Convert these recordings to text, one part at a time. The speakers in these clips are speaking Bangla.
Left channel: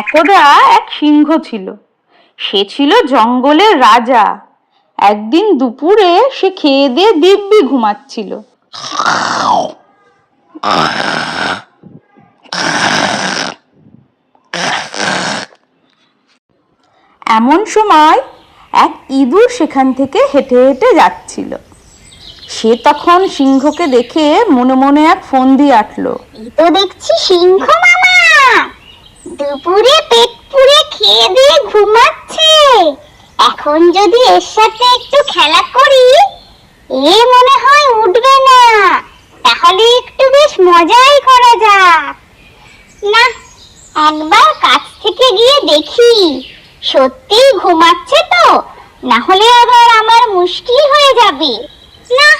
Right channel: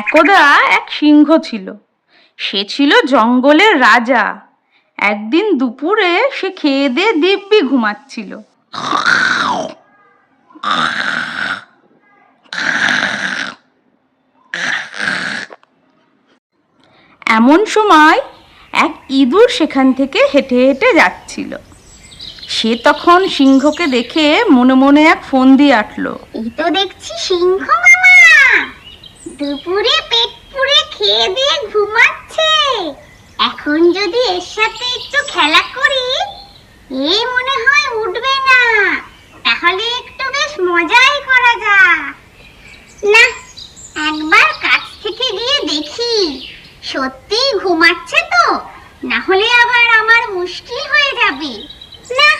একদা এক সিংহ ছিল। সে ছিল জঙ্গলের রাজা। একদিন দুপুরে সে খেয়ে দিয়ে দিব্যি ঘুমাচ্ছিল। এমন সময় এক ইঁদুর সেখান থেকে হেঁটে হেঁটে যাচ্ছিল। সে তখন সিংহকে দেখে মনে মনে এক ফন্দি আঁটল। এই তো দেখছি সিংহ মামা দুপুরে পেট পুরে খেয়ে দিয়ে ঘুমাচ্ছে। এখন যদি এর সাথে একটু খেলা করি, এ মনে হয় উঠবে না। তাহলে একটু বেশ মজাই করা যাক। না, একবার কাছ থেকে গিয়ে দেখি সত্যি ঘুমাচ্ছে তো, না হলে আবার আমার মুশকিল হয়ে যাবে। না,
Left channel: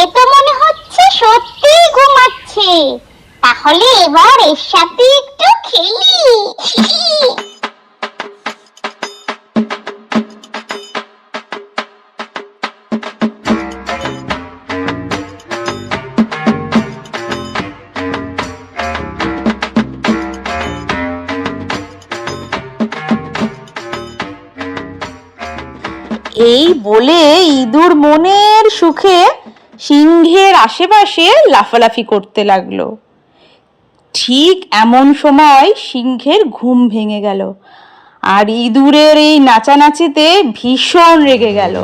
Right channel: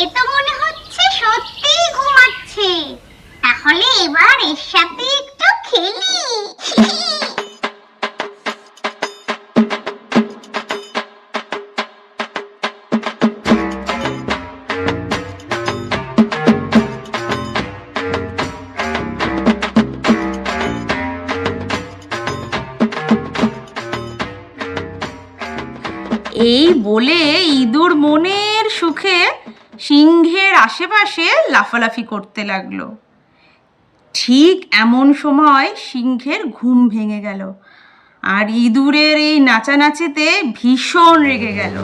এ তো মনে হচ্ছে সত্যি ঘুমাচ্ছে। তাহলে এবার এর সাথে একটু খেলি। এই বলে ইঁদুর মনের সুখে সিংহের আশেপাশে লাফালাফি করতে লাগলো। ঠিক এমন সময় সিংহের ঘুম ভেঙে গেল, আর ইঁদুরের এই নাচানাচিতে ভীষণ রেগে গেল।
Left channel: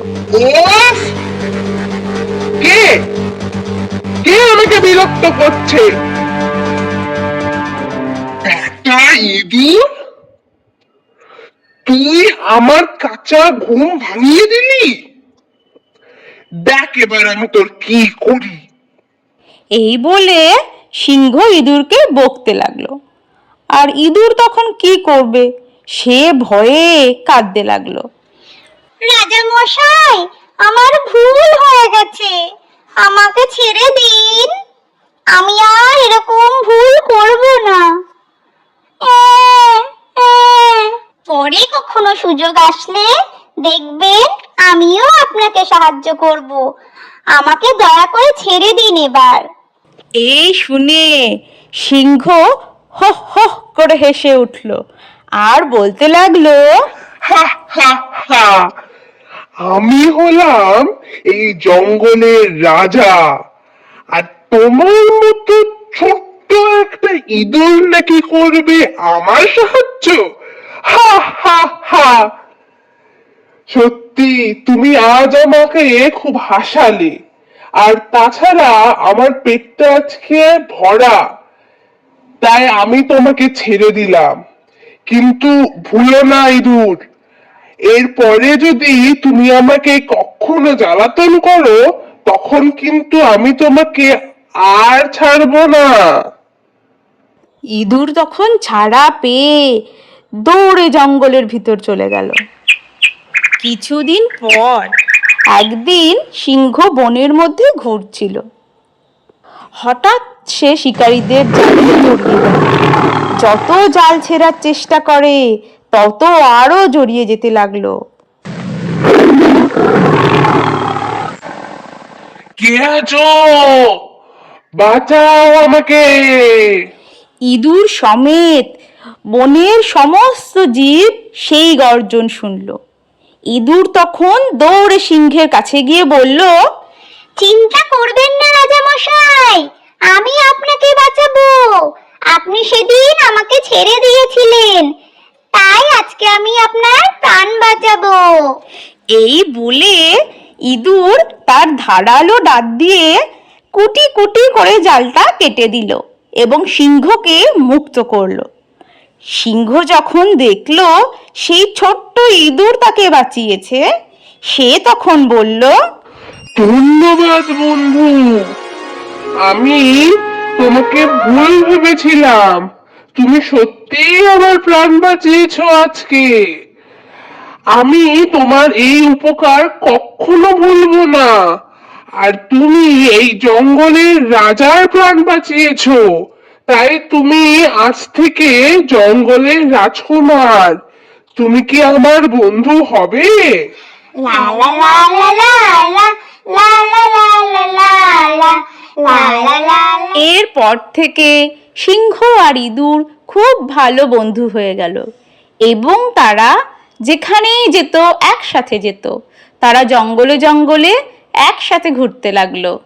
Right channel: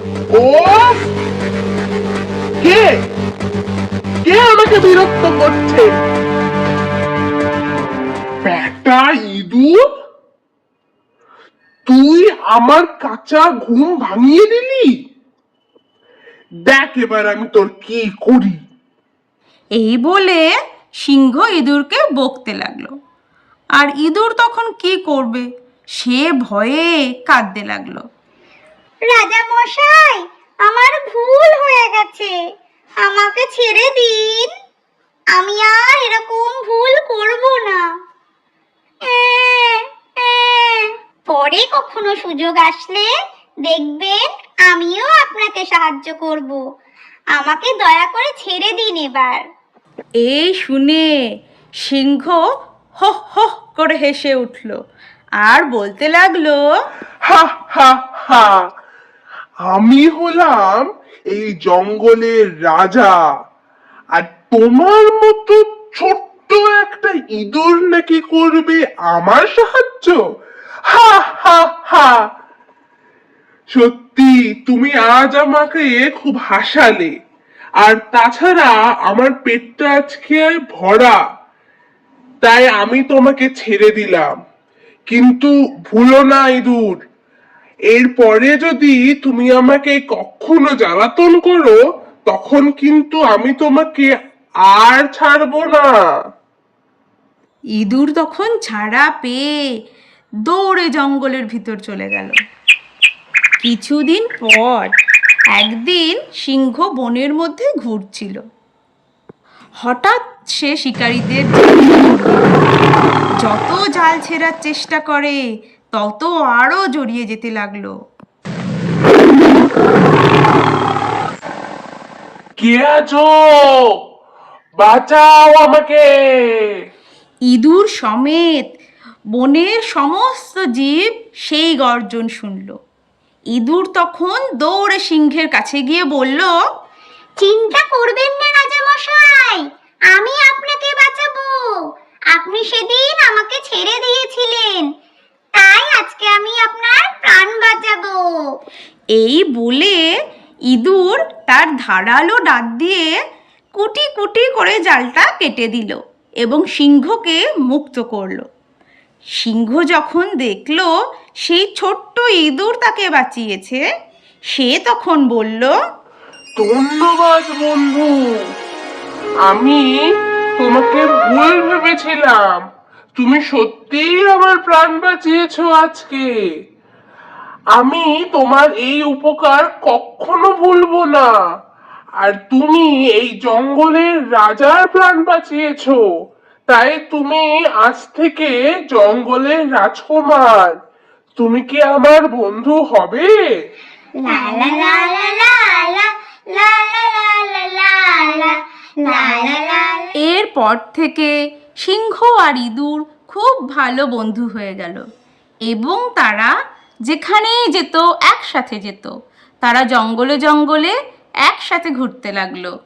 কে কে আমাকে বিরক্ত করছে? একটা ইঁদুর, তুই আমার কাঁচা ঘুম ভাঙিয়ে দিলি। দেখ এবার আমি তোর কি করি। এই বলে সিংহ ইঁদুরকে বকতে লাগলো। আর ইঁদুর তখন কি করবে, সে ভয়ে কাঁদতে লাগলো। রাজা মশাই, আমার ভুল হয়ে গেছে, আমাকে ছেড়ে দিন। আমি আর এরকম ভুল করব না। পরে কখনো সুযোগ আসলে দেখবেন আমিও আপনাকে সাহায্য করব। আমাকে দয়া করে ছেড়ে দিন এবার। এই শুনে সিংহ হো হো করে হেসে উঠল আর বলতে লাগলো, হা হা হা, আমি হলাম এই জঙ্গলের রাজা, আর তোমার মতো ছোট্ট একটা ইঁদুর নাকি করবে আমার সাহায্য? হা হা হা। সত্যি তুমি আজ আমাকে খুব হাসালে। আর তাছাড়া আমার পেটটা আজকে ভরা, তাই আমি তোমাকে ছেড়ে দিলাম। কিন্তু ভুলো না ইঁদুর, এরপরে যদি তুমি আমাকে কখনো জ্বালাতন করো, তখন কিন্তু আমি তোমাকে আর ছাড়বো না। ইঁদুর তখন ছাড়া পেয়ে দৌড়ে জঙ্গলের ভিতর চলে গেল। কিছুদিন পর একদিন সিংহ বনের মধ্যে ঘুরছিল। হঠাৎ সে শিকারীদের জালে পড়ল। যত জাল ছেড়ার চেষ্টা করে তত আরো জড়িয়ে যেতে লাগলো। কে আছো? বাঁচাও আমাকে। ইঁদুর সমেত বনের সমস্ত জীব সেই গর্জন শুনল। ইঁদুর তখন দৌড়ে সিংহের কাছে গিয়ে বলল, চিন্তা করবেন না রাজা মশাই, আমি আপনাকে বাঁচাবো। আপনি সেদিন আমাকে ছেড়ে দিয়েছিলেন, তাই আজকে আমি আপনার প্রাণ বাঁচাবো। এই বলে ইঁদুর তার ধারালো দাঁত দিয়ে কুটি কুটি করে জালটা কেটে দিল এবং সিংহকে মুক্ত করলো। সিংহ যখন দেখলো সেই ছোট্ট ইঁদুর তাকে বাঁচিয়েছে, সে তখন বলল, ধন্যবাদ বন্ধু, আমি তোমাকে ভুল ভেবেছিলাম। তুমি সত্যিই আমার প্রাণ বাঁচিয়েছো আজকে। আমি তোমার এই উপকার কখনো ভুলবো না। আর তুমি এই জঙ্গলের রাজার প্রাণ বাঁচিয়েছো, তাই তুমি আজ থেকে জঙ্গলের রাজকুমার। তুমি কি আমার বন্ধু হবে? লা লা লা লা লা লা লা লা লা লা লা লা লা লা লা। এরপর থেকে সিংহ আর ইঁদুর খুব ভালো বন্ধু হয়ে গেল এবং তারা যেখানেই যেত একসাথে যেত। তারা জঙ্গলে জঙ্গলে একসাথে ঘুরতে লাগলো।